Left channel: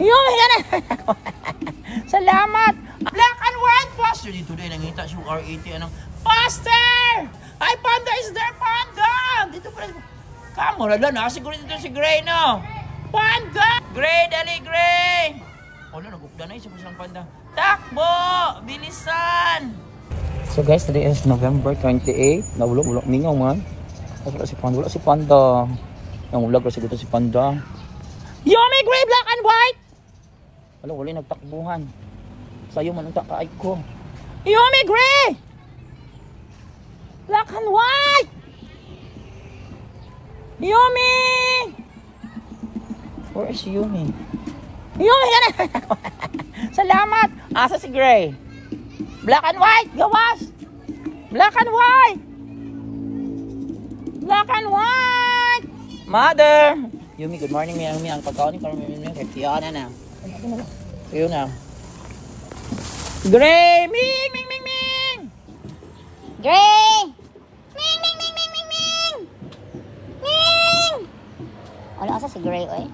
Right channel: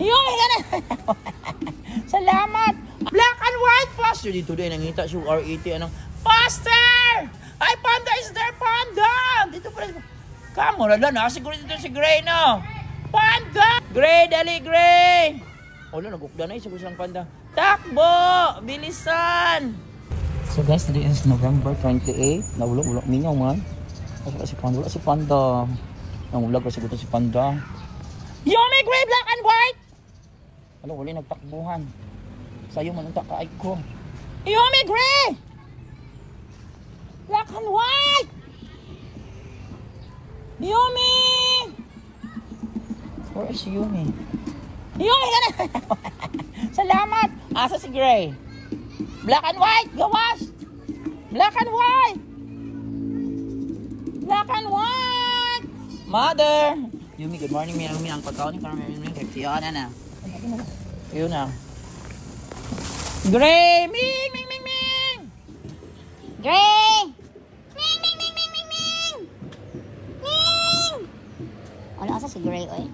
Yung yan. Salamat. Black and white faster. Dito din nangita si R80. Anong faster? Ay, Panda is there, Panda. Dito pa rin. Kamo na lang. Siguro dito si Gray, no? Panda. Gray, dali, Gray. Wala, nag-upda na. Siguro silang Panda. Takbo. Bilisan. So guys, today is November 28. Nawulog mingaw man. Wala si Panda. Nangulag kasi dito si Panda. Yummy Gray, black and white. Wala, wala nagtakbuhan. Sa'yo man utak ka ko. Yummy Gray! Black and white! Yummy! Where is Yummy? Yummy! Yan! Salamat! Asa si Gray? Black and white! Gawas! Black and white! Black and white! Mother! Yummy, good morning. Yummy, ang pagkaon ni Carmen. Kaya na. Yun na. Gray! Ming! Ming! Ming! Ming! Gray! Ming! Ming! Ming! Ming! Ming! Ming! Ming! Wala kasi si Gray, oy.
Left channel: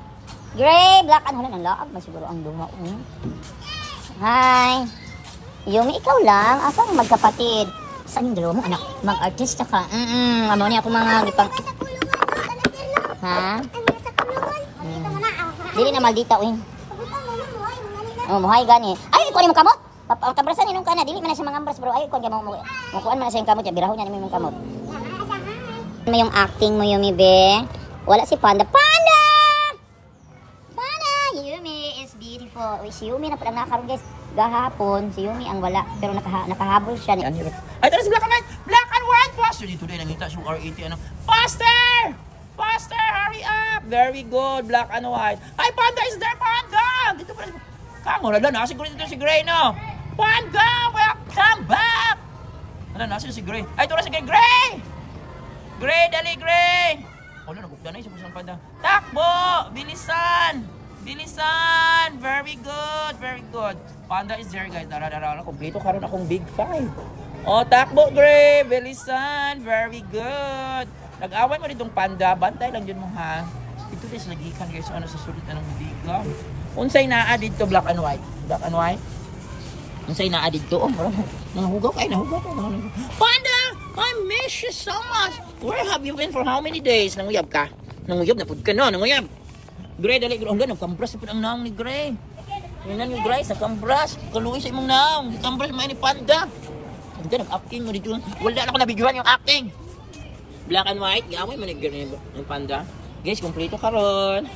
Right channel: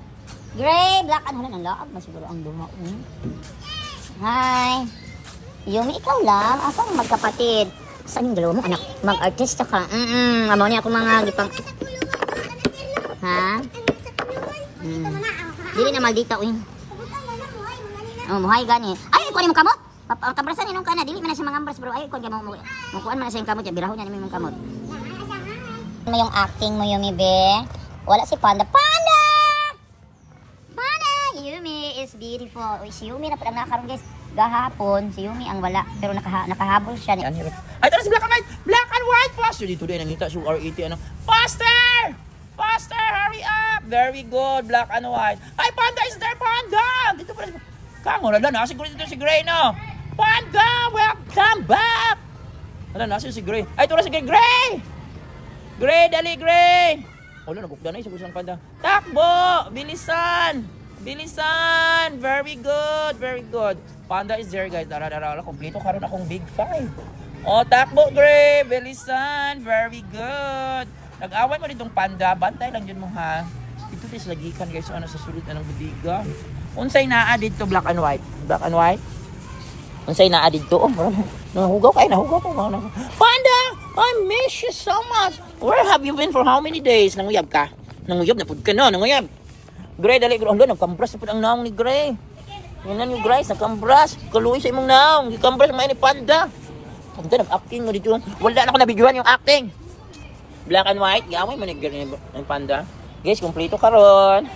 Gray! Black and wala ng laab na siguro ang luma. Hi! Yumi, ikaw lang. Asang magkapatid? Saan yung dalawa mo, anak? Mag-artista ka. Amo niya ako mga gipang... Ha? Dili na maldita, oy. Oh, muhay gani. Ay, kunin mo kamot. Kabrasan ninong kana, dili man na siya mangambras bro. Ay, kuan mo kuan man na siya kamot, biraho niya naman yung kamot. Ano yung acting mo, Yumi be? Wala si Panda. Panda! Panda! Yumi is beautiful. Uy, si Yumi na pala nakaroon guys. Gahapon, si Yumi ang wala. Pero nakahabol siya. Ay, tara si Black and White! Black and White! Faster! Dito din, nangita si R80. Ano? Faster! Faster! Hurry up! Very good, Black and White. Ay, Panda is there, Panda! Dito pa rin. Kamo na lang, siguro dito si Gray, no? Panda, welcome back! Wala, nasa si Gray. Ay, ito na si Gray! Gray, dali, Gray! Wala, nag-upda na, siguro silang Panda. Takbo! Bilisan! Bilisan! Very good, very good. Panda is there, guys. Dara, kumpleto karon akong big five. Oh, takbo, Gray! Bilisan! Very good! Nag-awan mo rin itong Panda. Bantay lang yun mo, ha? Ito is lagikan, guys. Ano sa sulit, anong biga? Unsay naa dito black and white? Black and white? Unsay naa dito? Nahugaw kayo. Panda! I miss you so much. Where have you been for how many days? Nanguyab ka? Nanguyab na pud ka no? Nanguyab. Gray, dali. Ando, nagkambras na pud ang naong ni Gray. Yan ni Gray, nagkambras. Kaluoy sa imong naong. Nagkambras may ni Panda. Panda, nag-acting mo dito. Wala na ako nabidyohan yung acting. Black and white. Gawin mo ni Panda. Guys, kompleto karon.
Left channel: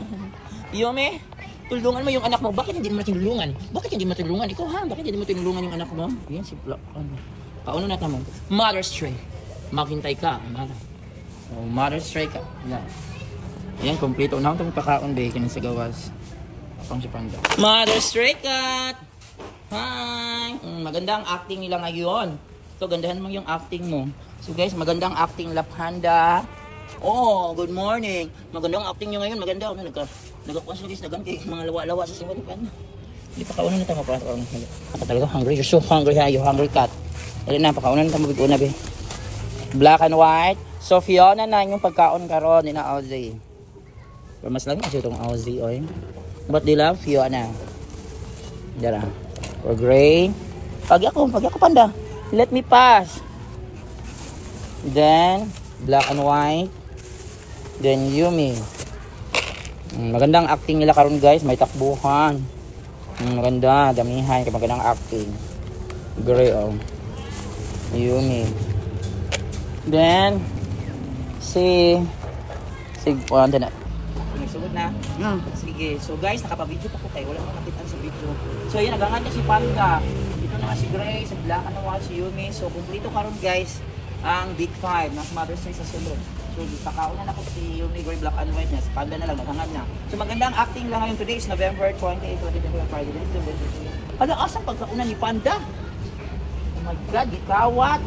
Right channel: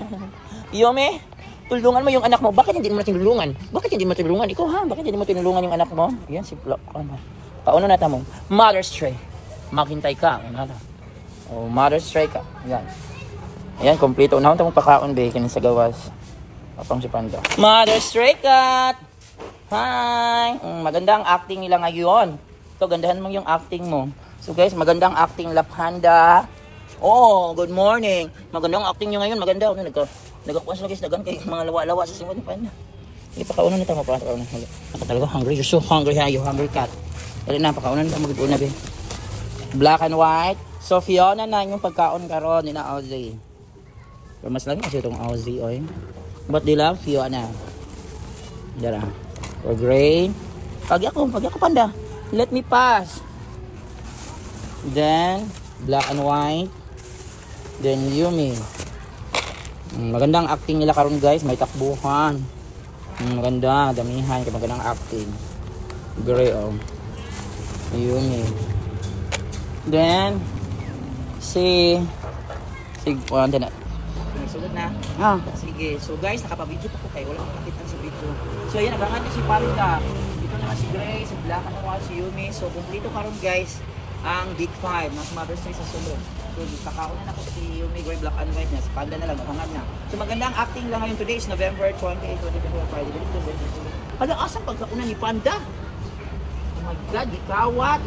Yumi, tulungan mo yung anak mo. Bakit hindi mo tinulungan? Bakit hindi mo tinulungan? Ikaw ha? Bakit hindi mo tinulungan yung anak mo? Yan si Black. Pauna natin mo. Mother's Tray. Maghintay ka. Oh, Mother's Tray ka. Yan. Ayan, kompleto. Unahon tayo pakaon ba? Kanin sa gawas. Apang si Panda. Mother's Tray cut! Hi! Maganda ang acting nila ngayon. So, gandahan mo yung acting mo. So guys, maganda ang acting la Panda. Oh, good morning. Maganda ang acting niya ngayon. Maganda. Ano nito? Nagakuha sila guys. Dagan kay mga lawa-lawa sa simod. Hindi pa kaunan nito. Ako talaga hungry. You're so hungry ha. You hungry cat. Dali na. Pakaunan nito. Mabig-una be. Black and white. So Fiona na yung pagkaon karon ni na Ozzy. Pero mas lang kasi itong Ozzy. Oy. But they love Fiona. Dara. Or gray. Pagi ako Panda. Let me pass. Then black and white. Then Yumi. Magandang acting nila karon guys, may takbuhan. Maganda, damihan kay magandang acting. Gray oh. Yumi. Then si Panda na. Nagsulod na. Sige. So guys, nakapa-video pa ko tayo. Wala akong nakita sa video. So ayan, nagangan niya si Panda. Ito naman si Gray, si Black and white, si Yumi. So kumpleto karon guys ang Big 5 na Mother's Day sa sulod. So, pakaunan ako si Yumi, Gray, Black and White na. Si Panda na lang, nakangad na. So, magandang acting lang ngayon. Today is November 28, 2025, Friday. Ano, asang pagkaunan ni Panda? Oh my God, gikawat.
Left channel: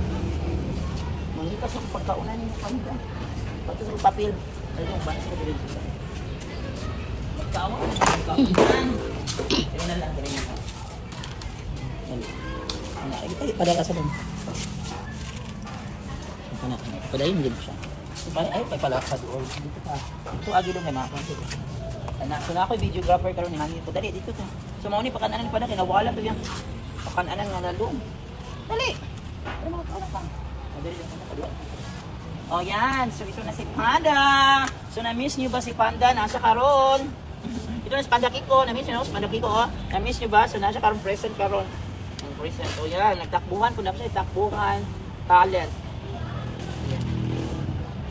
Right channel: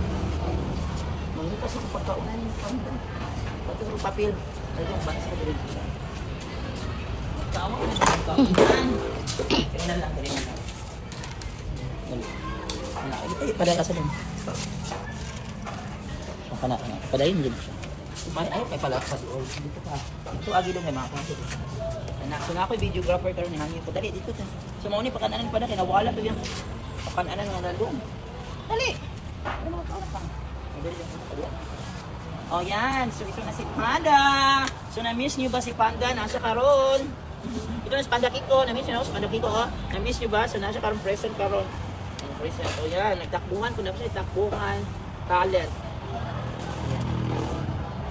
Mangita sa pagkaunan ni Panda. Pagka sa papel. Ano yung banas ko rin. Pagkawat. Pagkaunan. Tingnan lang. Ay, padala sa din. Padayin din siya. Ay, pala sa doon. Dito pa. Ito agi lang may mga kapatid. Anak, so na ako'y videographer karon ni hangin ko. Dali, dito to. So mauni pakananan pa na kinawala to yan. Pakananan nga nalong. Dali. Oh yan, so ito na si Panda. So na-miss niyo ba si Panda? Nasa karon. Ito na si Panda Kiko. Na-miss niyo si Panda Kiko. Oh. Na-miss niyo ba? So nasa karon present karon. Present. Oh yan, nagtakbuhan ko na siya, takbuhan. Talent.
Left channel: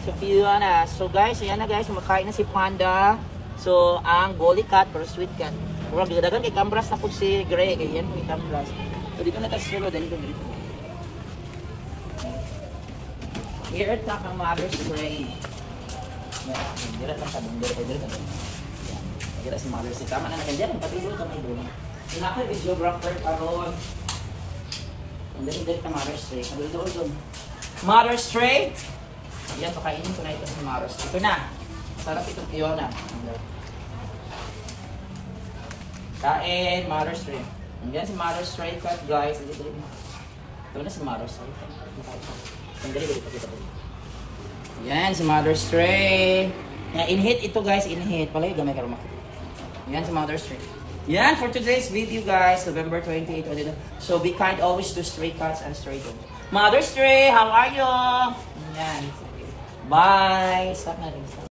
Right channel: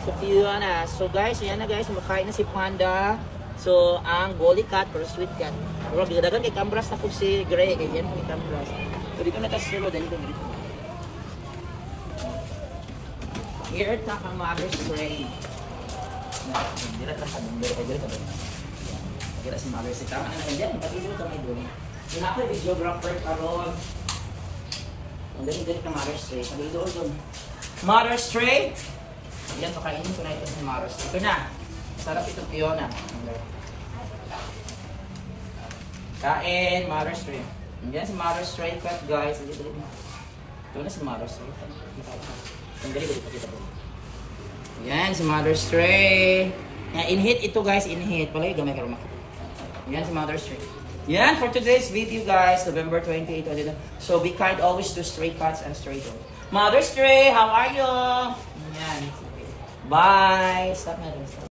So Fiona. So guys, ayan na guys, makain na si Panda. So ang Golly Cat pero sweet cat. Pero gigadagan kay Cambras na po si Grey. Kaya yan po yung Cambras. So dito na tayo silo. Dali ko dito. Here ta kang Mother's Day. Dila ta sa dito. Dila si Mother's Day. Tama na nandiyan. Patulog kami doon. Yung ako yung videographer karon. Ang dali ka Mother's Day. Sabi doon. Mother's Day. Yan, pakainin ko na ito sa Mother's Day. Ito na. Sarap itong Fiona. Kain, Mother's Day. Yan si Mother's Day cut guys. Ito na si Mother's Day. Yan si Mother's Day. In-hit ito guys, in-hit. Palagi gamay ka rumakit. Yan si Mother's Day. Yan for today's video guys, November 28. So be kind always to stray cats and stray dogs. Mother's Day, how are you? Yan. Bye. Stop na rin.